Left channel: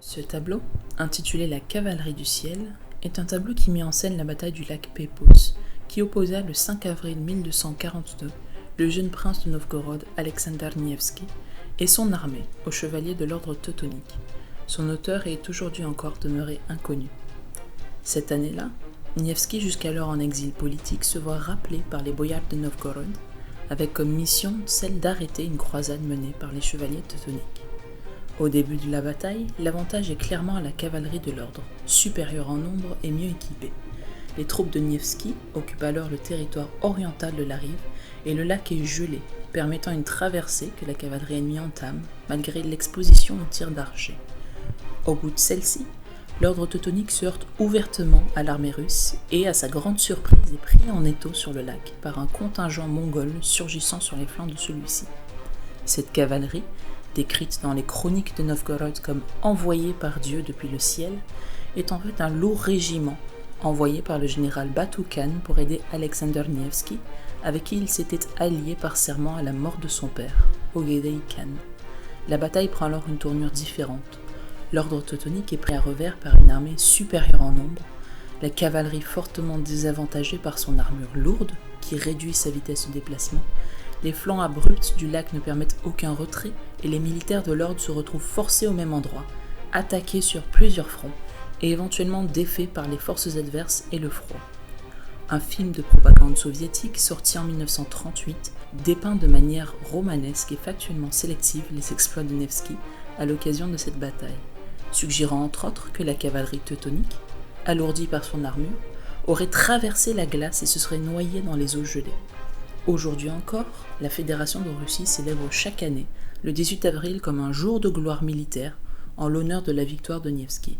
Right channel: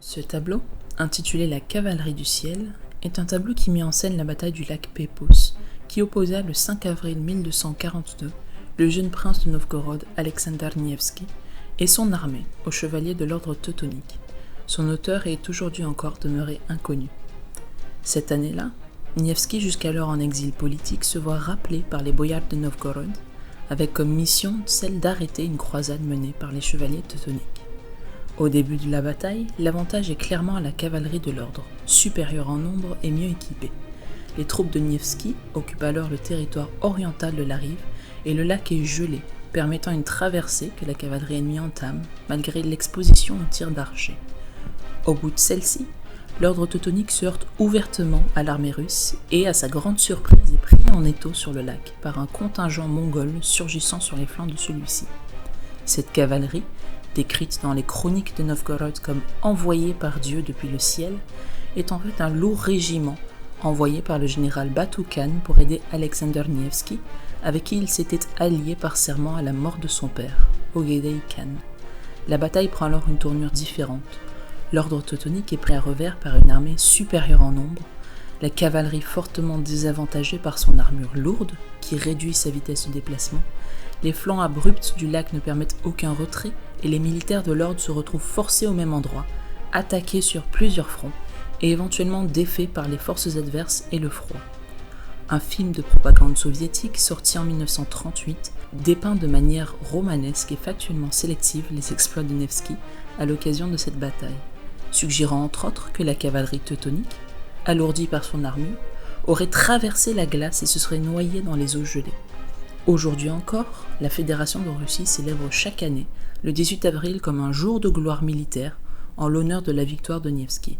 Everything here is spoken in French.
Ce tableau, intitulé La cavalerie du ciel, est un tableau qui met en scène la bataille du lac Pépos, qui opposa le 5 avril 1242 le jeune prince de Novgorod Alexander Nevski et son armée aux chevaliers de l'ordre teutonique. Son auteur est aujourd'hui encore demeuré inconnu. Cette année-là, Nevski, jusqu'alors en exil politique, se voit rappelé par les boyards de Novgorod, avec comme mission celle d'arrêter une croisade menée par les chevaliers teutoniques. Au début de la bataille, l'avantage est clairement à la cavalerie de l'ordre, supérieure en nombre et mieux équipée. Les troupes de Nevski occupent alors le territoire oriental de la rive et le lac est gelé, permettant une traversée que la cavalerie ennemie entame, malgré l'exposition aux tirs d'archers. Au bout de celle-ci, l'ordre teutonique se heurte ouvertement à l'armée russe et, à sa grande surprise, est pris en étau sur le lac par un contingent mongol surgissant sur les flancs de celui-ci. Cette cavalerie, décrite dans les chroniques de Novgorod comme envoyée par Dieu depuis le ciel, est en fait un lourd régiment envoyé par le général Batu Khan pour aider Alexander Nevski, avec qui il s'était allié par serment à la mort de son père, Ogedei Khan. La bataille prend alors une tournure différente. L'ordre teutonique est pris à revers par une armée supérieure en nombre, la cavalerie fortement désavantagée par son armure lourde, qui réduit sa vitesse de déplacement, les flancs abrupts du lac ne permettent aucun retrait et les militaires de l'ordre se retrouvent forcés au même endroit, attaqués sur plusieurs fronts et éventuellement défaits par les forces adverses et le froid. Un film de propagande soviétique sorti en 1938 dépeint de manière romanesque et factuellement sélective les exploits de Nevski à l'occasion de cette bataille, suggérant entre autres que la cavalerie teutonique, alourdie par son armure, aurait traversé la glace et se serait noyée dans les eaux gelées. Aujourd'hui encore, la Fédération de Russie célèbre chaque année le 18 avril comme un jour de gloire militaire en l'honneur de la victoire de Nevski.